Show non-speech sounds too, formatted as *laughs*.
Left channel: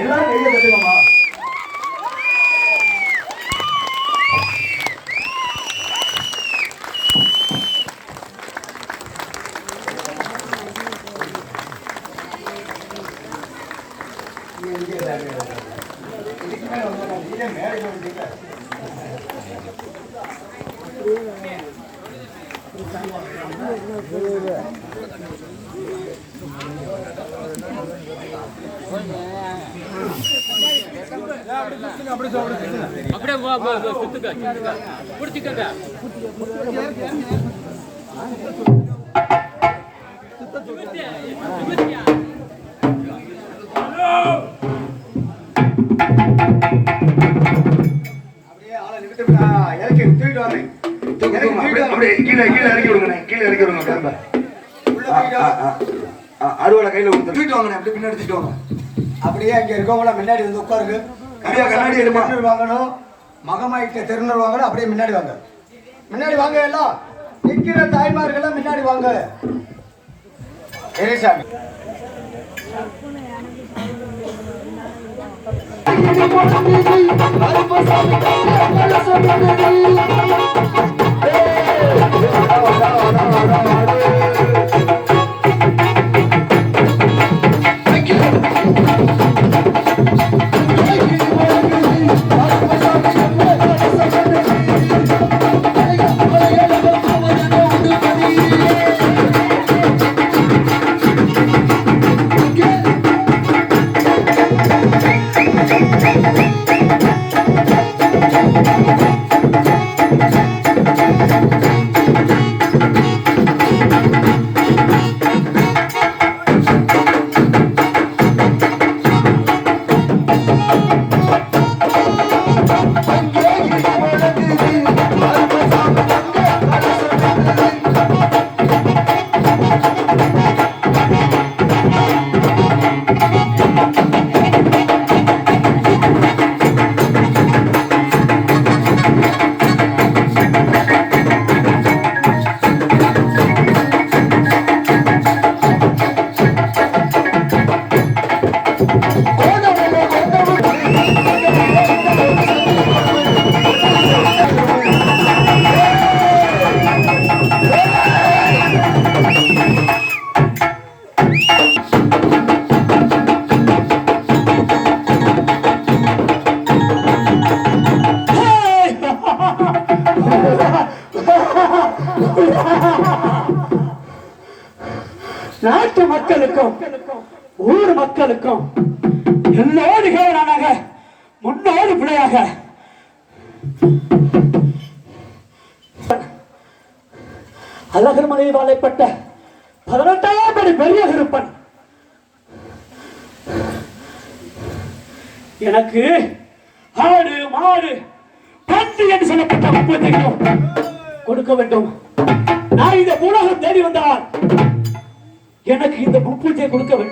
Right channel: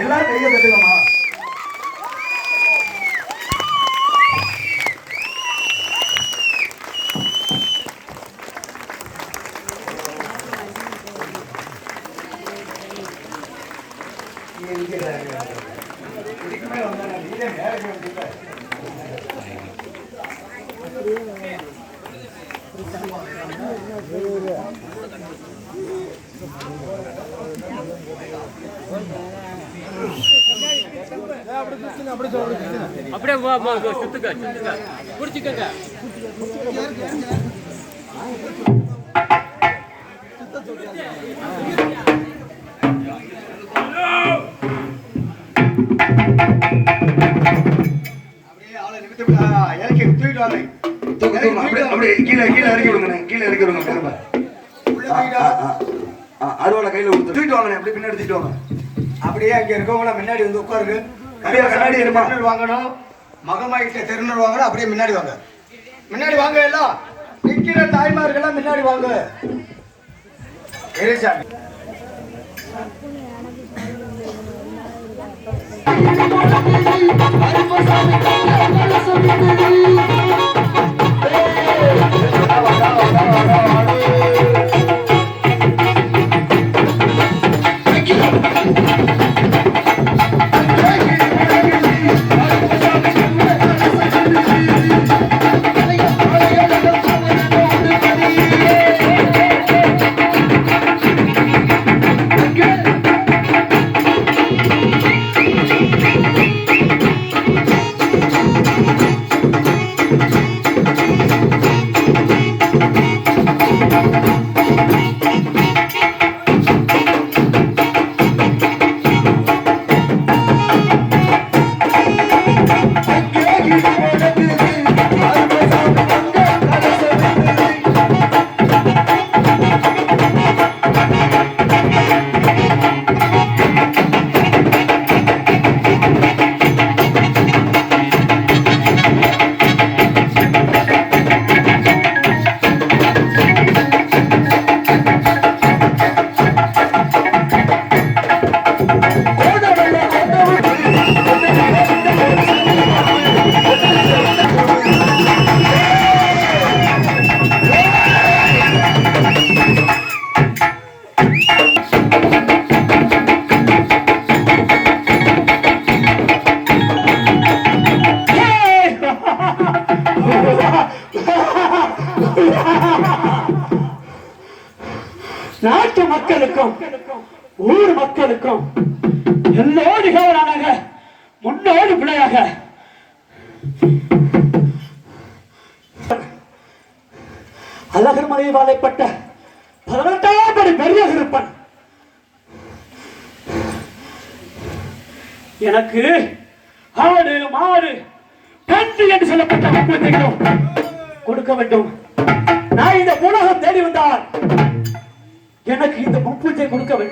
எல்லாரும் கையை தட்டுங்கம்மா அப்படியே வா, தூக்கிட்டு வாங்க. அப்படியே கீழே கீழே இறக்கி விடுங்கண்ணே கீழே இறக்கி விடுங்க பாருங்க உள்ள தூக்கிட்டு வாங்க. அறுவடை கையில தூக்கிட்டு வாங்கண்ணே அப்படியே பின்னாடி தூக்கிட்டு வாங்க அப்படியே அங்க இருக்கவங்கள முன்னாடி வந்து உட்காருக்கு கண்ணாடி எடுப்பா. திருநூறு வாங்கணும். மகமாயிட்ட திருநூறு வாங்கணும். அப்படியே முன்னாடி வாங்க. முன்னாடி வாங்க எல்லாம். நிற்கிற தாய்மார்கள்லாம் முன்னாடி வாங்க. எரிசாமி Good. *laughs* நாட்டு மக்களுக்கும் ஊர் மக்களுக்கும் எல்லோரு நிகழ்வானாக முன்னோடு பிள்ளையாக. அழகர் மலையை வாழைப்பட்ட பதினெட்டாம் படி பெரிய இருப்பன். எனக்கு ஆடு மாடு பந்து என்று சொல்லப்பட்ட முப்பத்தையும் கொடுக்க வேண்டும். நான் இந்த உலகம் தேடி வந்தால் எனக்கு இந்த முப்பூஜை கொடுக்க வேண்டும்.